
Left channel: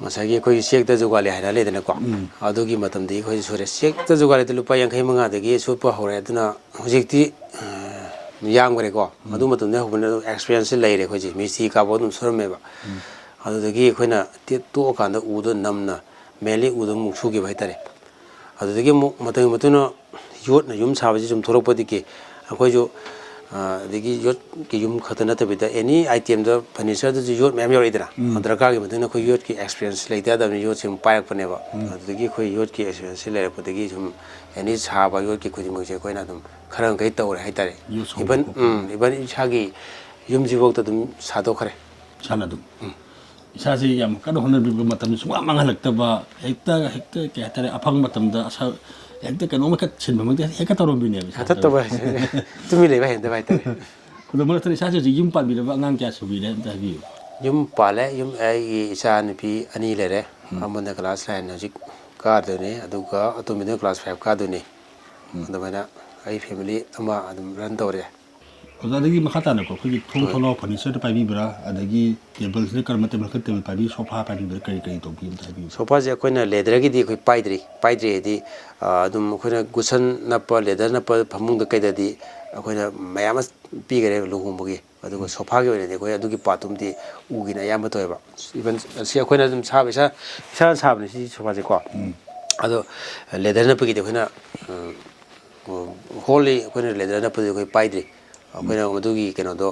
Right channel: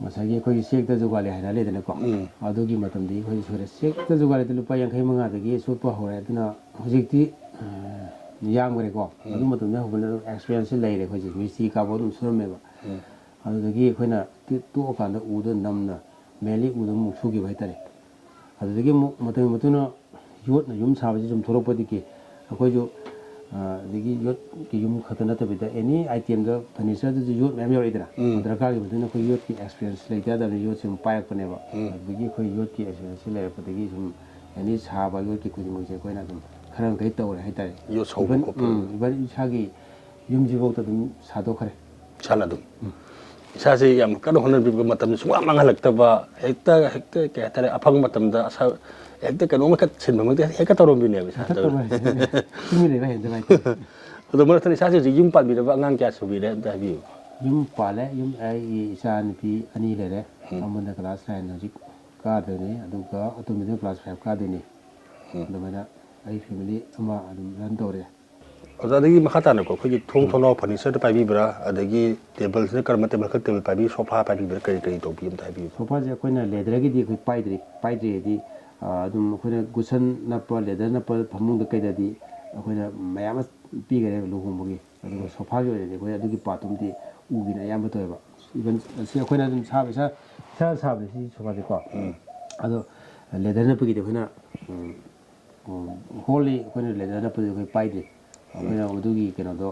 ꯉꯁꯥꯏꯒꯤ ꯑꯩꯈꯣꯏꯒꯤ ꯆꯦꯛꯇ ꯖꯨꯒꯥꯂꯤ ꯍꯥꯏꯅ ꯂꯩꯗꯅꯀꯣ ꯑꯗꯨꯒꯤ ꯃꯇꯝꯗꯒꯤ ꯑꯩꯈꯣꯏ ꯁꯨꯔꯦ ꯆꯦꯛꯇ ꯖꯨꯒꯥꯂꯤꯗ ꯂꯨꯄꯥ 55 ꯁꯨꯠꯄ ꯍꯧꯔꯦ ꯑꯗꯨꯅ ꯍꯧꯖꯤꯛꯇꯤ ꯌꯥꯝꯈ꯭ꯔꯦꯀꯣ ꯑꯗꯨ ꯃꯇꯝꯗ ꯍꯧꯕꯅ ꯑꯗꯨꯝ ꯑꯦꯛꯁꯄꯤꯔꯤꯌꯦꯟꯁꯁꯦ ꯂꯩꯔꯦ ꯑꯩꯈꯣꯏꯁꯦ ꯃꯤꯁꯇ꯭ꯔꯤ ꯀꯥꯕ ꯑꯗꯨꯝ ꯁꯨꯔꯝꯃꯦꯕ ꯑꯗꯨꯗꯒꯤ ꯑꯩꯈꯣꯏꯅ ꯇꯣꯛꯑꯀꯥꯟꯗ ꯎꯗꯣ ꯅꯝꯅ ꯃꯦꯟꯂꯤ ꯎꯗꯣ ꯑꯃꯨꯛ ꯁꯨꯈꯤꯕ ꯍꯥꯏꯇꯥꯔꯦ ꯑꯗꯨꯗꯒꯤ ꯑꯃꯨꯛ ꯃꯇꯝꯒꯤ ꯃꯇꯨꯡꯏꯟꯅ ꯌꯣꯠꯅ ꯌꯨꯝ ꯁꯥꯕꯁꯤ ꯁꯨꯝ ꯊꯣꯛꯂꯛꯄꯗꯒꯤ ꯑꯩꯈꯣꯏꯁꯨ ꯑꯗꯒꯤ ꯌꯣꯠꯀꯤ ꯌꯨꯝ ꯈꯛꯇ ꯅꯠꯇꯕꯤꯗ ꯑꯦꯅꯤ ꯑꯥꯏꯇꯦꯝꯗ ꯐꯔꯅꯤꯆꯔꯗꯁꯨ ꯌꯣꯠ ꯃꯌꯥꯝ ꯌꯧꯔꯛꯏꯗꯅ ꯗꯔꯀꯥꯔꯒꯤ ꯃꯇꯨꯡ ꯏꯟꯅ ꯑꯩꯈꯣꯏ ꯌꯣꯠꯀꯤ ꯑꯦꯛꯁꯄꯤꯔꯤꯌꯦꯟꯁ ꯂꯩꯇ ꯌꯥꯗꯕꯅꯤ ꯌꯣꯠꯁꯤ ꯑꯃꯨꯛ ꯄꯥꯏꯔꯛꯄꯅꯦꯕ ꯑꯗꯨꯗꯒꯤ ꯑꯩꯈꯣꯏ ꯌꯣꯠꯀꯤ ꯑꯦꯛꯁꯄꯤꯔꯤꯌꯦꯟꯁꯁꯤ ꯂꯩꯔꯛꯄꯗꯒꯤ ꯁꯨꯝ ꯑꯦꯅꯤ ꯁꯥꯕ ꯌꯣꯠꯀꯤ ꯈꯨꯗꯤꯡꯃꯛꯁꯦ ꯑꯩꯈꯣꯏꯅ ꯑꯗꯨꯝ ꯈꯔ ꯃꯈꯩ ꯇꯧꯔꯦ ꯍꯥꯏꯇꯥꯔꯦ ꯏꯚꯟ ꯏꯁꯥꯒꯤ ꯌꯨꯝꯁꯤꯐꯥꯎꯗ ꯑꯗꯨꯝ ꯁꯥꯗꯣꯛꯈ꯭ꯔꯦ ꯏꯁꯥꯅ ꯑꯗꯨꯝ ꯏꯁꯥꯁꯦ ꯌꯥꯝ ꯀꯟꯅ ꯍꯣꯠꯅꯕꯤꯕ ꯃꯇꯝꯗ ꯁꯨꯡꯃꯥꯡ ꯃꯥꯡꯍꯜꯂꯛꯇꯕ ꯍꯦꯛꯇ ꯀꯩ ꯍꯥꯏꯇꯥꯔꯦ ꯑꯐꯪ ꯃꯇꯝꯗ ꯍꯦꯛꯇ ꯀꯩꯅꯣꯝꯃ ꯁꯤꯟꯕꯃꯛꯇꯤ ꯍꯦꯛꯇ ꯇꯧꯔꯝꯕꯤꯅꯦꯕ ꯇꯧꯕ ꯇꯨꯃꯤꯟ ꯂꯩꯕ ꯍꯩꯅꯗꯕ ꯍꯥꯏꯇꯥꯔꯦ ꯑꯗꯣ ꯃꯔꯛꯇ ꯏꯁꯥꯁꯦ ꯍꯧꯖꯤꯛ ꯌꯨꯝ ꯄꯥꯟꯕꯤꯔꯕ ꯑꯉꯥꯡ ꯀꯌꯥ ꯁꯨꯕꯤꯔꯦ ꯑꯝꯇ ꯍꯥꯏꯕꯤꯌꯨ ꯌꯨꯝ ꯄꯥꯜꯂꯦ ꯑꯩꯒꯤ ꯏꯆꯥ ꯅꯨꯄꯤ 2 ꯂꯩꯔꯦ ꯑꯃꯅ ꯀ꯭ꯂꯥꯁ 9 ꯍꯧꯖꯤꯛ ꯀꯥꯗꯣꯏꯅꯤ ꯑꯗꯨꯒ ꯑꯇꯣꯝꯕꯤꯗꯨꯅ ꯀ꯭ꯂꯥꯁ 5 ꯀꯥꯗꯣꯏꯅꯤ ꯑꯗꯨꯃꯥꯏꯅ ꯑꯩ ꯐꯦꯃꯤꯂꯤ ꯑꯃ ꯑꯗꯨꯝ ꯔꯟ ꯇꯧꯔꯦ ꯑꯣꯖꯥꯗꯒꯤ ꯃꯈꯥ ꯇꯥꯅꯀꯣ ꯑꯩꯈꯣꯏꯒꯤ ꯊꯣꯡ ꯊꯣꯡꯅꯥꯎ ꯐꯔꯅꯤꯆꯔꯗ ꯄꯥꯏꯕꯤꯕ꯭ꯔꯥ ꯑꯗꯒꯤ ꯇꯦꯕꯜꯁꯤꯅ ꯀꯔꯝꯕ ꯇꯦꯕꯜ ꯄꯥꯏꯕꯤ ꯁꯣꯐꯥ ꯄꯥꯏꯕꯤꯕ꯭ꯔꯥ ꯀꯔꯤ ꯇꯧꯕꯤ ꯑꯝꯇ ꯍꯥꯏꯕꯤꯌꯨ ꯁꯣꯐꯥꯁꯦ ꯑꯩꯈꯣꯏꯅ ꯂꯦꯗꯔꯒꯤꯗꯤ ꯑꯩꯈꯣꯏ ꯄꯥꯏꯗ꯭ꯔꯤ ꯍꯥꯏꯗꯤ ꯑꯗꯨꯝ ꯑꯩꯈꯣꯏꯅ ꯒꯨꯁꯟ ꯅꯞꯄ ꯂꯦꯗꯔ ꯅꯞꯄ ꯐꯃꯨꯡꯗ ꯀꯩꯗꯗꯤ ꯑꯩꯈꯣꯏꯅ ꯃꯌꯥꯝ ꯑꯃ ꯄꯤꯈꯔꯦ ꯂꯨꯍꯣꯡꯕꯒꯤ ꯑꯗꯨꯒ ꯁꯣꯐꯥꯒꯤ ꯑꯣꯏꯅꯗꯤ ꯑꯩꯈꯣꯏ ꯑꯗꯨꯒꯤ ꯄꯥꯔꯠꯇꯨꯃꯗꯤ ꯎꯒꯤꯅ ꯑꯌꯥꯝꯕ ꯇꯧꯋꯦꯕ ꯏꯚꯟ ꯁꯤ ꯑꯩꯈꯣꯏꯅ ꯑꯗꯨꯝ ꯁꯥꯕ ꯏꯁꯥꯅ ꯁꯥꯕꯅꯦ ꯁꯤ ꯁꯣꯐꯥꯁꯦꯀꯣ ꯑꯗꯣ ꯂꯦꯗꯔ ꯅꯞꯄꯒꯤꯗꯤ ꯑꯩꯈꯣꯏꯅ ꯍꯣꯜꯂꯤ ꯑꯩꯈꯣꯏꯅ ꯂꯦꯗꯔ ꯅꯞꯄꯗꯤ ꯑꯩꯈꯣꯏ ꯄꯥꯏꯗ꯭ꯔꯤ ꯑꯩꯈꯣꯏꯅ ꯃꯗꯨꯒꯤ ꯀꯩꯅꯣꯗꯣ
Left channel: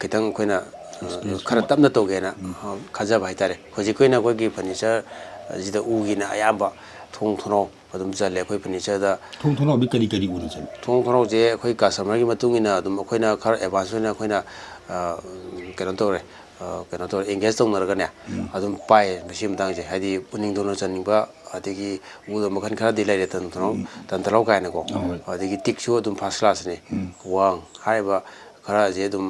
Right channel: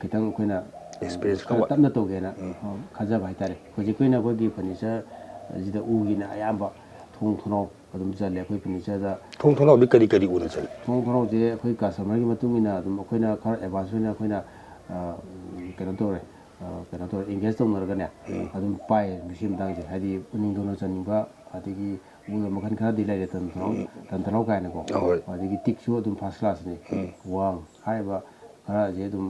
ꯈꯤꯇꯪ ꯑꯩꯈꯣꯏꯅ ꯈꯔ ꯇꯞꯅ ꯇꯧꯒꯦꯅ ꯈꯟꯖꯕ ꯍꯥꯏꯇꯥꯔꯦ ꯍꯧꯖꯤꯛ ꯑꯩꯈꯣꯏꯅ ꯑꯩꯈꯣꯏꯒꯤ ꯐꯔꯅꯤꯆꯔ ꯁꯤꯗ ꯎꯒꯤꯅ ꯑꯌꯥꯝꯕ ꯊꯣꯡ ꯊꯣꯡꯅꯥꯎ ꯑꯗꯨꯝ ꯆꯜꯂꯦ ꯑꯩꯈꯣꯏ ꯐꯔꯅꯤꯆꯔꯗ ꯊꯣꯡ ꯊꯣꯡꯅꯥꯎꯗꯤ ꯀꯔꯤ ꯎꯅ ꯆꯜꯂꯤ ꯊꯣꯡ ꯊꯣꯡꯅꯥꯎꯁꯦ ꯑꯩꯈꯣꯏ ꯀꯁꯇꯃꯔꯒꯤ ꯃꯇꯨꯡ ꯏꯟꯅ ꯑꯗꯨꯝ ꯑꯩꯈꯣꯏꯅ ꯈꯔ ꯑꯦꯗꯚꯥꯟꯁ ꯑꯣꯏꯅ ꯑꯩꯈꯣꯏꯅ ꯀꯩꯅꯣ ꯇꯧꯔꯦ ꯑꯦꯡꯒꯦꯖ ꯇꯧꯅꯔꯒꯅꯦ ꯑꯗꯨꯝ ꯄꯥꯏꯌꯦ ꯃꯁꯤ ꯃꯇꯥꯡꯁꯦ ꯍꯥꯏꯗꯤ ꯎꯅꯤꯡ ꯊꯨꯅ ꯆꯟꯅꯤꯡꯕ ꯑꯗꯒꯤ ꯎꯗ ꯃꯈꯜ ꯈꯔꯗꯤ ꯂꯩꯔꯦ ꯇꯟꯊꯧꯔꯥꯎ ꯀꯥꯏꯅꯀꯣ ꯑꯗꯒꯤ ꯇꯤꯛꯁꯨ ꯑꯗꯨꯝ ꯐꯥꯔꯁ ꯀ꯭ꯂꯥꯁꯅꯤ ꯋꯥꯡ ꯍꯥꯏꯔꯤꯕ ꯈꯔꯁꯦ ꯑꯗꯨꯝ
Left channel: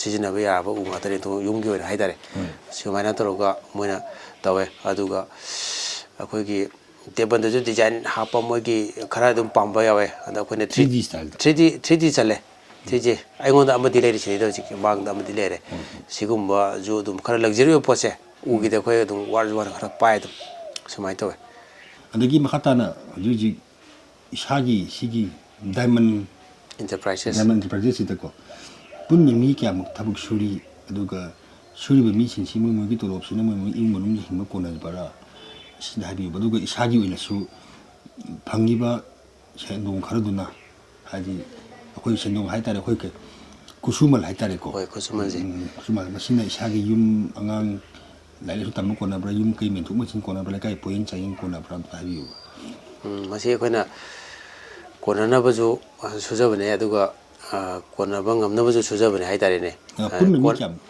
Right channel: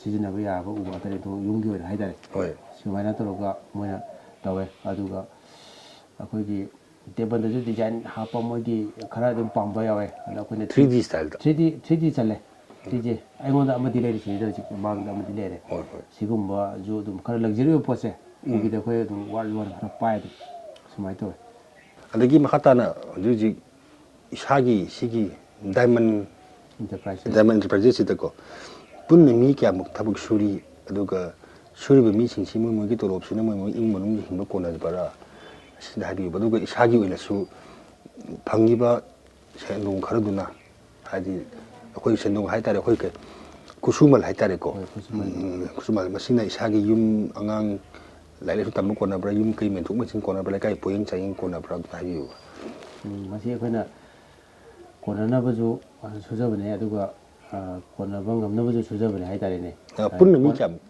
ꯁꯤꯖꯤꯟꯅꯕ ꯌꯥꯔꯕ ꯎ ꯉꯥꯛꯇꯅꯤ ꯌꯨꯝꯒꯤ ꯑꯣꯏꯅ ꯍꯥꯏꯇꯥꯔꯦ ꯁꯨꯃꯥꯏꯅ ꯇꯧꯔꯒ ꯃꯣꯏꯅ ꯇꯧꯋꯦ ꯑꯗꯨꯒ ꯑꯩꯈꯣꯏꯒꯤ ꯇꯦꯕꯜꯗꯁꯨ ꯗꯤꯖꯥꯏꯟ ꯍꯥꯞꯄ ꯃꯣꯏꯒꯤ ꯈꯔ ꯑꯗꯨꯝ ꯄꯥꯝꯕ ꯌꯥꯎꯋꯦ ꯑꯗꯣ ꯑꯩꯈꯣꯏꯅ 3D ꯁ꯭ꯇꯥꯏꯜꯗ 3D ꯆꯜꯂꯦ ꯊꯤꯖꯤ ꯑꯩꯉꯣꯟꯗ ꯑꯃꯗꯤ ꯂꯩꯔꯤ ꯁꯤꯗ ꯍꯧꯖꯤꯛ ꯃꯥꯡꯗ ꯑꯃꯗꯤ ꯂꯩꯔꯦ ꯁꯤꯒꯨꯝꯕꯁꯨ ꯑꯗꯨꯝ ꯈꯔ ꯂꯛꯖꯔꯤ ꯑꯣꯏꯕ ꯄꯣꯠꯁꯦ ꯎꯒꯤꯗ ꯑꯩꯈꯣꯏ ꯑꯗꯨꯝ ꯋꯥꯔ ꯈꯔ ꯄꯥꯏ ꯑꯗꯨꯝ ꯁꯨꯃꯥꯏꯅ ꯇꯧꯋꯦ ꯑꯗꯒꯤ ꯃꯈꯥ ꯇꯥꯅ ꯍꯧꯖꯤꯛ ꯍꯧꯖꯤꯛ ꯏꯁꯥꯒꯤ ꯁꯤꯒꯤ ꯗꯥꯏꯃꯟ ꯏꯟꯇꯔꯄ꯭ꯔꯥꯏꯖꯦꯁꯁꯤꯗꯀꯣ ꯄꯨꯟꯅ ꯃꯤ ꯀꯌꯥꯃꯨꯛ ꯊꯕꯛ ꯁꯨꯔꯤ ꯑꯗꯨꯒ ꯁꯨꯔꯤꯕ ꯃꯤꯁꯤꯡꯁꯤ ꯃꯣꯏꯒꯤ ꯇꯣꯂꯣꯞꯁꯤꯅ ꯃꯣꯏ ꯏꯃꯨꯡ ꯃꯅꯨꯡꯒꯤ ꯍꯤꯡꯕ ꯀꯣꯟꯅꯕꯔꯥ ꯑꯁꯤꯗ ꯍꯥꯏꯕꯤꯌꯨꯕ ꯑꯗꯨꯒ ꯏꯁꯥꯒꯤ ꯑꯣꯏꯅꯁꯨ ꯐꯪꯉꯤꯕ ꯁꯦꯟꯗꯣꯡ ꯈꯔꯗꯨꯅ ꯍꯥꯏꯗꯤ ꯑꯩꯈꯣꯏ ꯁꯦꯟꯗꯣꯡ ꯍꯥꯏꯇꯥꯔꯦ ꯑꯩꯈꯣꯏ ꯈꯨꯠꯁꯨꯃꯜ ꯍꯥꯏꯇꯥꯔꯦꯀꯣ ꯍꯣꯏ ꯈꯨꯠꯁꯨꯃꯟꯁꯦ ꯈꯨꯠꯁꯨꯃꯜ ꯃꯁꯤꯅ ꯏꯁꯥꯒꯤ ꯌꯨꯝ ꯑꯉꯥꯡ ꯂꯥꯏꯔꯤꯛ ꯂꯥꯏꯁꯨ ꯇꯝꯕ ꯀꯣꯟꯅꯕ꯭ꯔꯥ ꯌꯨꯝ ꯀꯩ ꯃꯦꯟꯊꯣꯛ ꯃꯦꯟꯁꯤꯟ ꯀꯣꯟꯅꯕ꯭ꯔꯥ ꯂꯩꯀꯥꯏ ꯄꯣꯌꯦꯡ ꯆꯥꯌꯦꯡ ꯀꯣꯟꯅꯕ꯭ꯔꯥ ꯑꯝꯇ ꯍꯥꯏꯕꯤꯌꯨꯕ ꯃꯁꯤ ꯑꯩꯈꯣꯏꯅ ꯀꯣꯟꯅꯅꯕꯁꯨ ꯁꯨꯖꯕꯅꯦ ꯑꯗꯨꯒ ꯀꯣꯟꯅꯕ ꯉꯝꯅꯕꯁꯨ ꯁꯨꯖꯕꯅꯦ ꯍꯥꯏꯇꯥꯔꯦꯅꯦ ꯄꯨꯟꯅ ꯃꯤ ꯀꯌꯥꯃꯨꯛ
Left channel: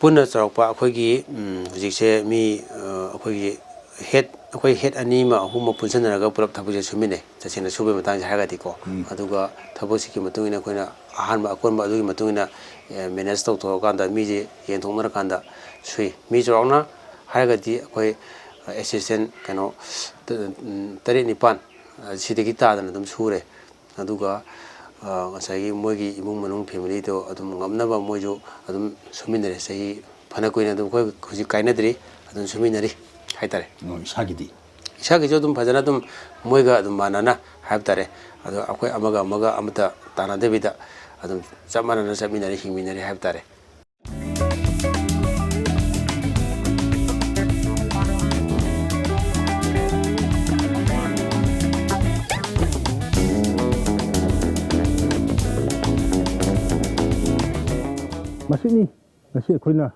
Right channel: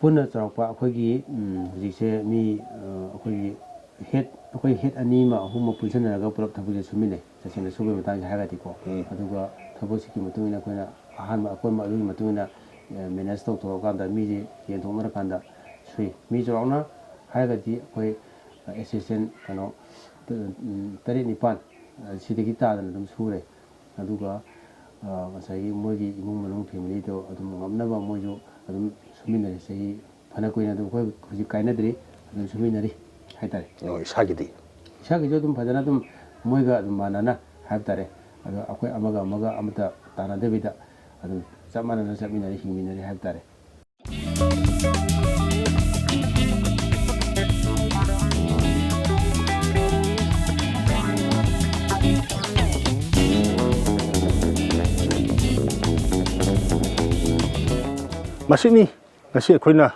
ꯄꯨꯟꯅ ꯆꯥꯎꯔꯥꯛꯄ ꯑꯩꯈꯣꯏꯒꯤ ꯍꯧꯖꯤꯛꯁꯦ ꯃꯤ ꯑꯩꯈꯣꯏꯒꯤ ꯑꯩꯈꯣꯏ ꯍꯦꯠ ꯑꯅꯤ ꯑꯃ ꯑꯍꯨꯝ ꯑꯃ ꯄꯨꯟꯁꯤꯟꯅꯔꯒ ꯄꯨꯂꯞ ꯊꯕꯛꯁꯦ ꯁꯨꯃꯤꯟꯅꯩ ꯇꯁꯦꯡꯅ ꯁꯨꯕꯒꯤ ꯃꯇꯥꯡꯁꯦ ꯍꯥꯏꯔꯒꯗꯤꯀꯣ ꯑꯗꯨꯒ ꯊꯕꯛꯁꯤꯒꯤ ꯃꯇꯨꯡ ꯏꯟꯅ ꯑꯩꯈꯣꯏꯅ ꯑꯍꯥꯟꯕ ꯑꯀꯣꯟꯕ ꯑꯗꯨꯒꯤ ꯃꯇꯨꯡ ꯏꯟꯅ ꯃꯦꯅꯦꯖ ꯇꯧꯊꯣꯛꯑꯀꯥꯟꯗ ꯃꯤꯁꯦ ꯌꯦꯟꯊꯣꯛꯅꯔꯀꯥꯟꯗ ꯁꯨꯏ ꯃꯤ ꯆꯥꯎꯔꯥꯛꯅ ꯍꯥꯏꯔꯒꯗꯤ ꯑꯩꯈꯣꯏ ꯑꯦꯁꯤꯁꯇꯦꯟ ꯀꯩꯅꯣ 7-9 ꯁꯤꯗꯒꯤ ꯇꯥꯗꯅ ꯑꯗꯨꯝ ꯁꯨꯔꯦ ꯑꯗꯨꯒ ꯉꯁꯥꯏꯒꯤ ꯃꯣꯏꯒꯤ ꯏꯃꯨꯡ ꯃꯅꯨꯡ ꯐꯦꯃꯤꯂꯤꯗꯣ ꯑꯗꯨꯝ ꯉꯝꯅꯕ ꯃꯣꯏꯁꯨ ꯑꯗꯨꯝ ꯁꯨꯃꯤꯟꯅꯔꯦ ꯆꯍꯤ ꯐꯅ ꯀꯨꯏꯅ ꯑꯗꯨꯝ ꯑꯩꯈꯣꯏ ꯍꯧꯖꯤꯛ ꯀꯥꯏꯅꯗ꯭ꯔꯤ ꯑꯗꯨꯝ ꯁꯨꯃꯤꯟꯅꯔꯤ ꯍꯥꯏꯇꯥꯔꯦ ꯏꯁꯥꯒꯤꯁꯨ ꯑꯗꯨꯝ ꯐꯖꯅ ꯑꯗꯨꯝ ꯃꯣꯏꯒ ꯑꯗꯨꯝ ꯃꯥꯟꯅꯅ ꯍꯥꯏꯕ ꯇꯥꯔꯦ ꯑꯗꯣ ꯑꯩꯈꯣꯏ ꯑꯃꯒ ꯑꯃꯠꯇ ꯇꯥꯟꯅꯗꯕꯤꯗ ꯑꯗꯨꯝ ꯆꯞ ꯃꯥꯟꯅꯅ ꯆꯠꯃꯤꯟꯅꯔꯤ ꯍꯤꯡꯃꯤꯟꯅꯔꯤ ꯍꯥꯏꯕ ꯇꯥꯔꯦ ꯃꯁꯤꯅꯤ ꯉꯁꯤ ꯑꯩꯈꯣꯏꯅ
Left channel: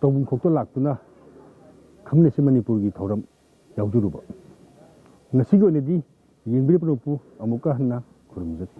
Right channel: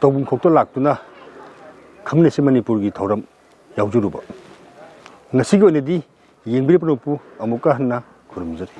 ꯇꯧꯕꯨꯡꯈꯣꯛꯇ ꯂꯥꯛꯇꯨꯅ ꯈꯪꯃꯤꯟꯅꯁꯤ ꯃꯅꯤꯄꯨꯔꯒꯤ ꯊꯧꯔꯝ ꯌꯥꯎꯖꯔꯨꯕ ꯉꯁꯤꯒꯤ ꯑꯣꯏꯅꯗꯤ ꯌꯦꯡꯕꯤꯔꯤꯕ ꯅꯄꯨ ꯑꯃꯨꯛꯀ ꯍꯟꯅ ꯈꯨꯔꯨꯝꯖꯔꯤ